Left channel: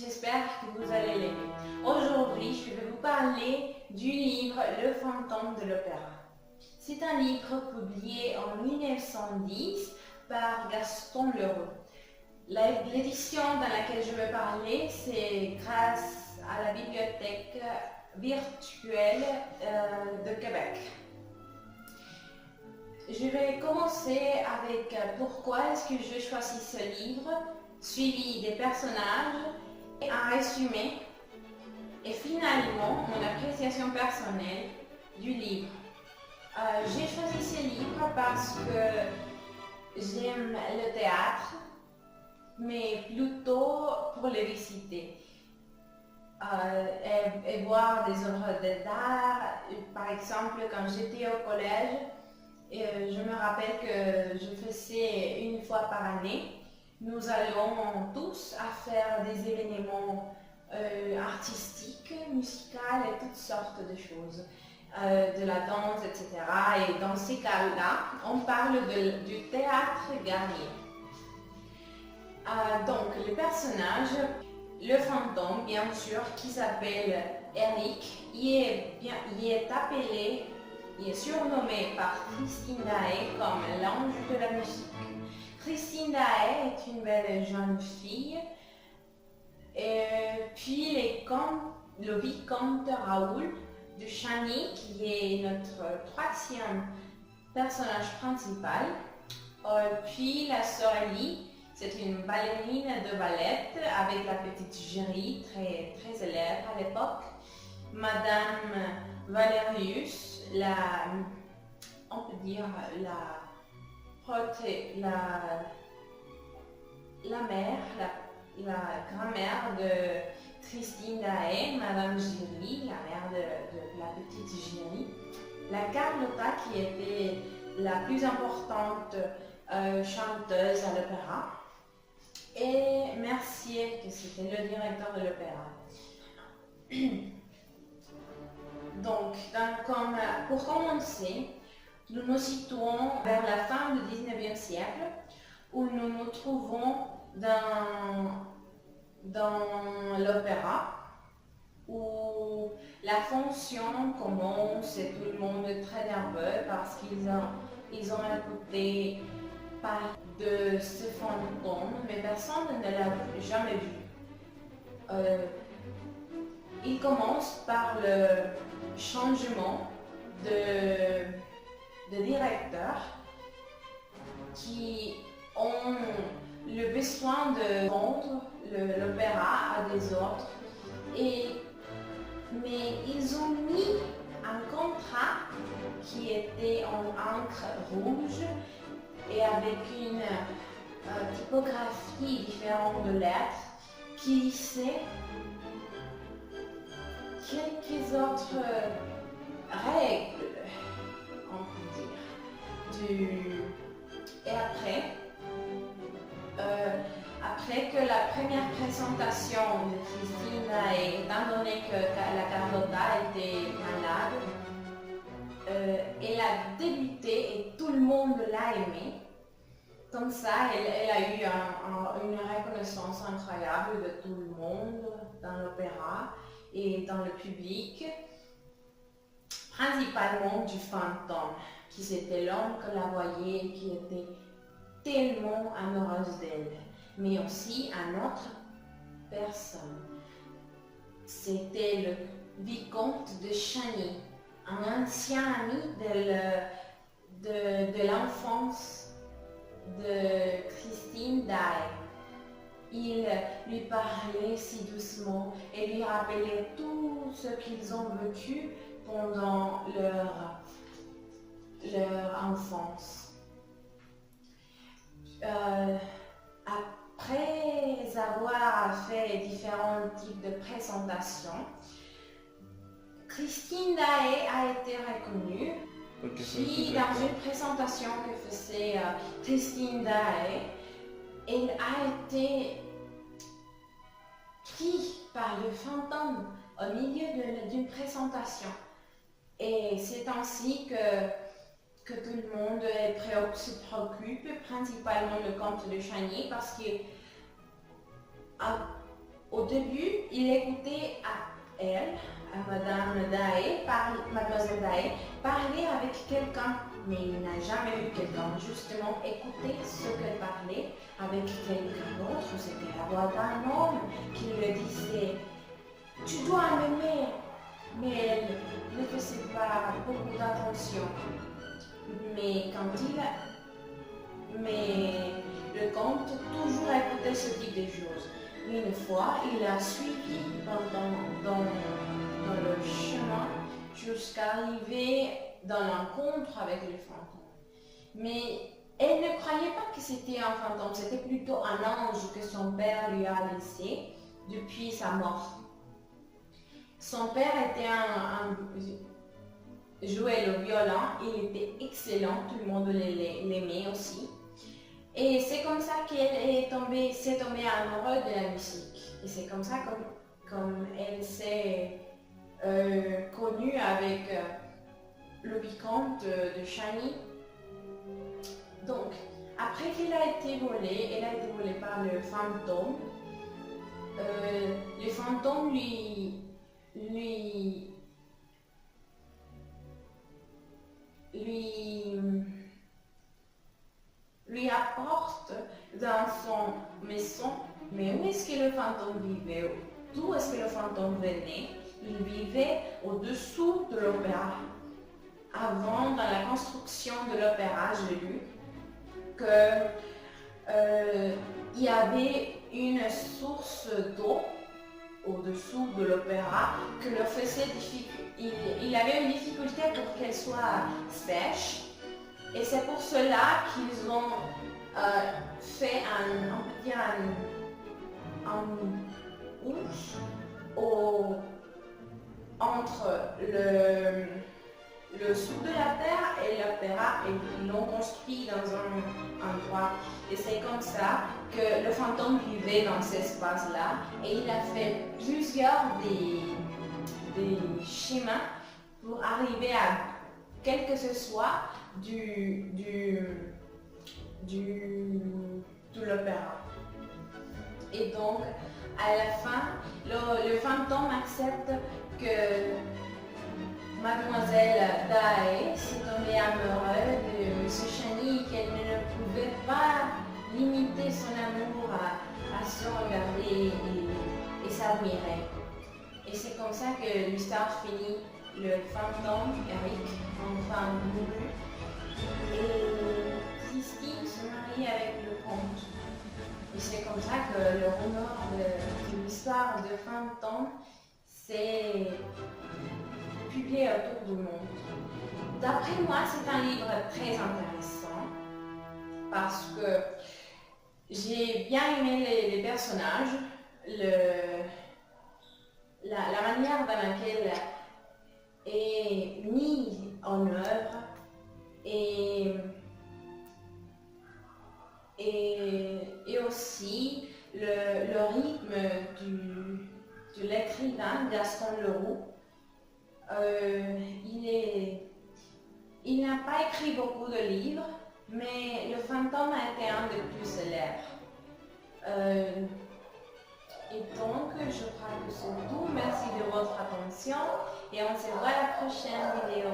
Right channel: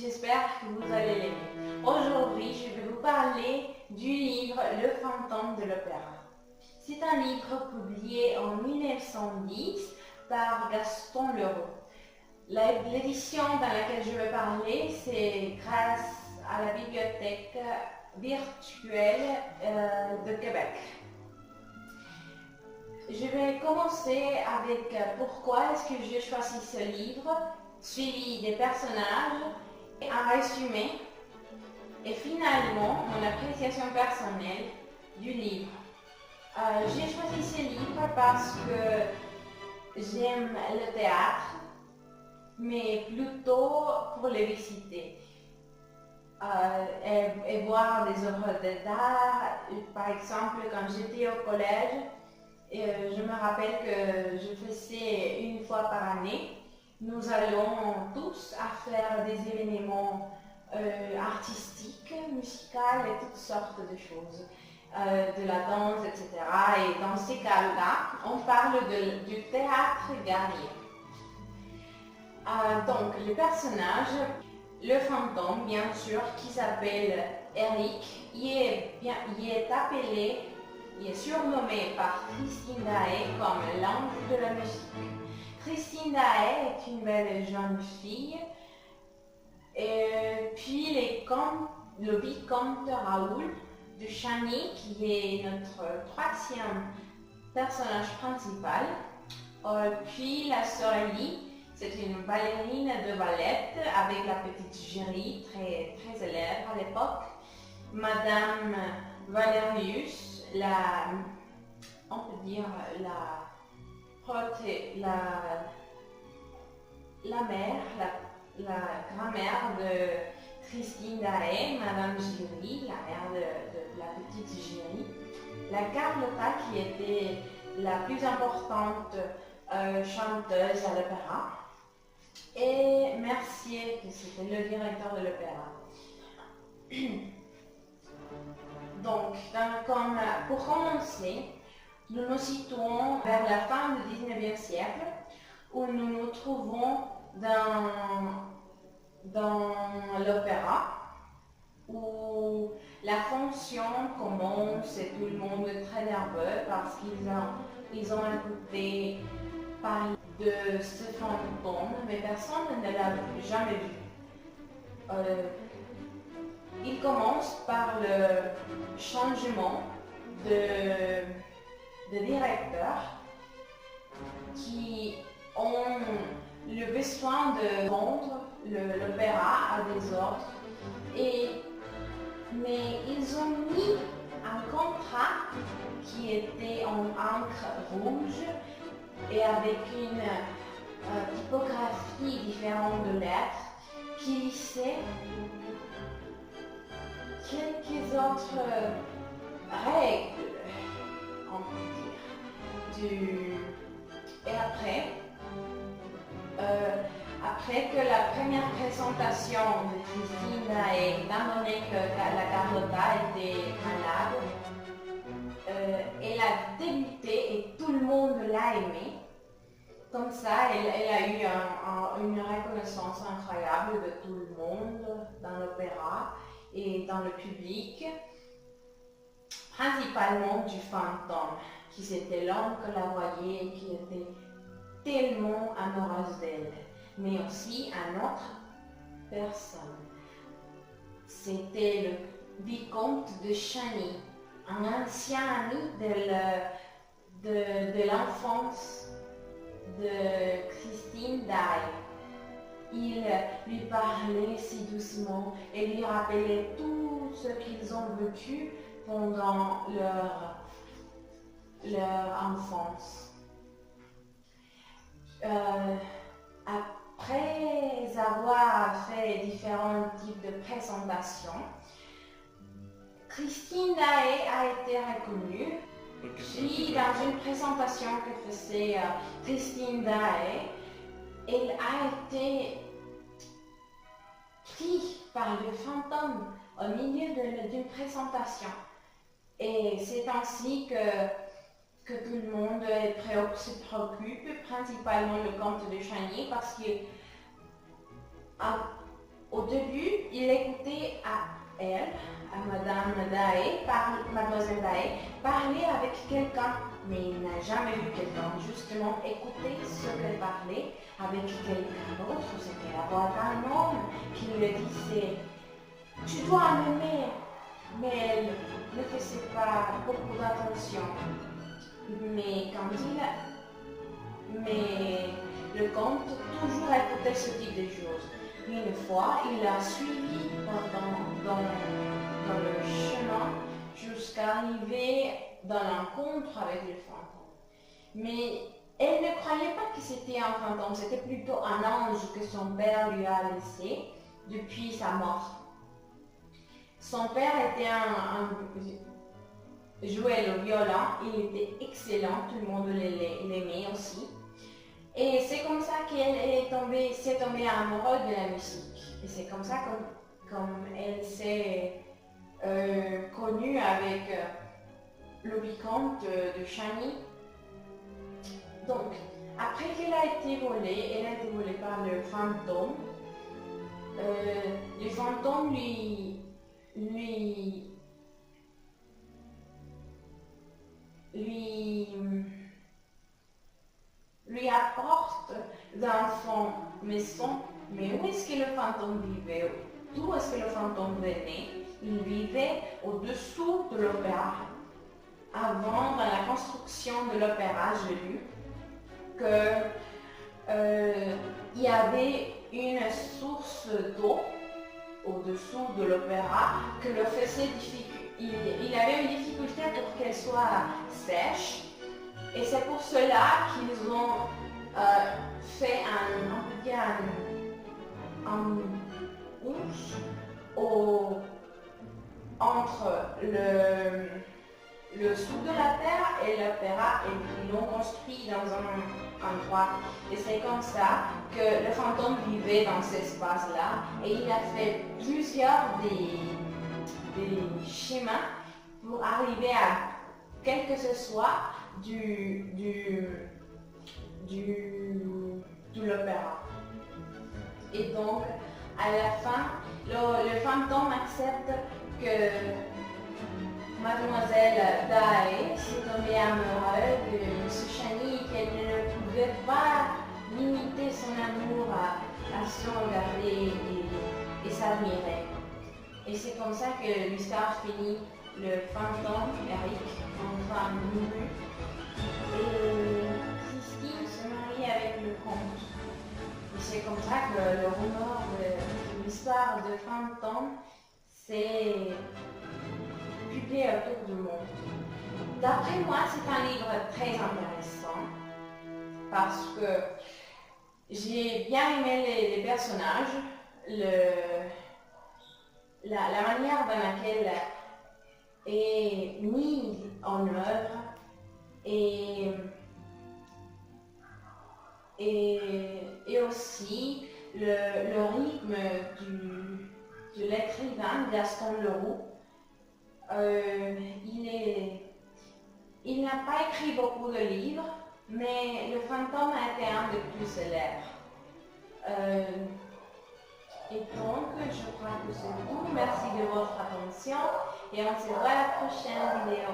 J'espère que vous allez l'aimer. Aujourd'hui, je vais vous parler du livre Le fantôme de l'opéra. C'est un livre publié en 1910 par Gaston Leroux. L'édition dans laquelle je vais parler, c'est grâce à la bibliothèque virtuelle de Québec. Je vais commencer avec pourquoi est-ce que j'ai choisi ce livre, suivi des personnages, un résumé et finalement mon appréciation personnelle du livre. J'ai choisi ce livre parce que j'aime le théâtre, mais plutôt pour le visiter et voir des œuvres d'art. Par exemple, quand j'étais au collège, je me rappelle que je faisais une fois par année. Nous allons tous à faire des événements artistiques, musicaux et toutes sortes de choses, de la danse, etc. Et dans ces cas-là, on parle du théâtre guerrier. Donc, le personnage, le fantôme, bien sûr, qui s'appelle Eric, il est surnommé par Christine Daae comme l'ange de la musique. Christine Daae est une belle jeune fille. Et puis le vicomte Raoul de Chagny, qui est notre troisième personnage principal. Puis la sœur Ellie, c'est une ballerine de ballet avec la petite Géry, très, très élève à l'époque. Madame Valerius, on peut dire la mère, la grand-mère de Christine Daae, Madame Géry, la mère de la petite Géry. La Carlotta, qui était la plus importante chanteuse à l'opéra. Et Mercier, qui c'était le directeur de l'opéra. Donc, pour commencer, nous nous situons vers la fin du 19e siècle, où nous nous trouvons dans l'opéra, où la fonction commence et tout le monde est très nerveux parce qu'ils ont écouté parler de ce fantôme, mais personne ne l'a jamais vu. Il commence par le changement de directeurs qui ont le besoin de rendre l'opéra à des ordres, mais ils ont mis un contrat qui était en encre rouge et avec une typographie différente de lettres qui disait quelques autres règles, on peut dire. Et après que la première présentation de Christine Daae, étant donné que la Carlotta était malade, elle a débuté et tout le monde l'a aimée. Comme ça, elle a eu une reconnaissance incroyable de tout le monde dans l'opéra et dans le public, principalement du fantôme, qui c'était l'homme que la voyait et qui était tellement amoureuse d'elle, mais aussi à notre personne. C'était le vicomte de Chagny, un ancien ami de l'enfance de Christine Daae. Il lui parlait si doucement et lui rappelait tout ce qu'ils ont vécu pendant leur enfance. Après avoir fait différents types de présentations, Christine Daae a été reconnue. Puis dans une présentation que faisait Christine Daae, elle a été prise par le fantôme au milieu d'une présentation. Et c'est ainsi que tout le monde se préoccupe, principalement le comte de Chagny, parce que Au début, il écoutait à elle, à Mademoiselle Daé, parler avec quelqu'un, mais il n'a jamais vu quelqu'un justement écouter ce qu'elle parlait avec quelqu'un d'autre. C'était la voix d'un homme qui lui disait tu dois m'aimer, mais elle ne faisait pas beaucoup d'attention. Mais le comte toujours écoutait ce type de choses. Une fois, il a suivi dans le chemin jusqu'à arriver dans l'encontre avec le fantôme. Mais elle ne croyait pas que c'était un fantôme, c'était plutôt un ange que son père lui a laissé depuis sa mort. Son père jouait le violon, il était excellent, tout le monde l'aimait aussi. Et c'est comme ça qu'elle s'est tombée amoureuse de la musique. Et c'est comme ça comme elle s'est connue avec le vicomte de Chagny. Donc, après qu'elle a été volée, elle a été volée par le fantôme. Le fantôme lui apporte dans son maison. Mais où est-ce que le fantôme vivait? D'où est-ce que le fantôme venait? Il vivait au-dessous de l'opéra. Avant, dans la construction de l'opéra, j'ai lu qu'il y avait une source d'eau au-dessous de l'opéra que le faisait il avait une difficulté pour qu'elle soit sèche. Et c'est pour cela qu'ils ont fait un houche entre le sous de la terre et l'opéra, et ils l'ont construit dans un endroit. Et c'est comme ça que le fantôme vivait dans cet espace-là. Et il a fait plusieurs des schémas pour arriver à quel que ce soit de l'opéra. Et donc, à la fin, le fantôme accepte que Mademoiselle Daé s'est tombée amoureuse de M. Chagny, qu'elle ne pouvait pas limiter son amour à se regarder et s'admirer. Et c'est comme ça que l'histoire finit. Le fantôme, Eric, enfin mouru, et Christine se marie avec le comte. Et c'est comme ça que le rumeur de l'histoire de fantôme s'est publié autour du monde. D'après moi, c'est un livre très intéressant parce que j'ai bien aimé les personnages, la manière dans laquelle est mise en œuvre et aussi le rythme de l'écrivain Gaston Leroux. Il n'a pas écrit beaucoup de livres, mais Le Fantôme a été un des plus célèbres. Et donc, je crois que c'est tout. Merci de votre attention et on se voit à la prochaine vidéo.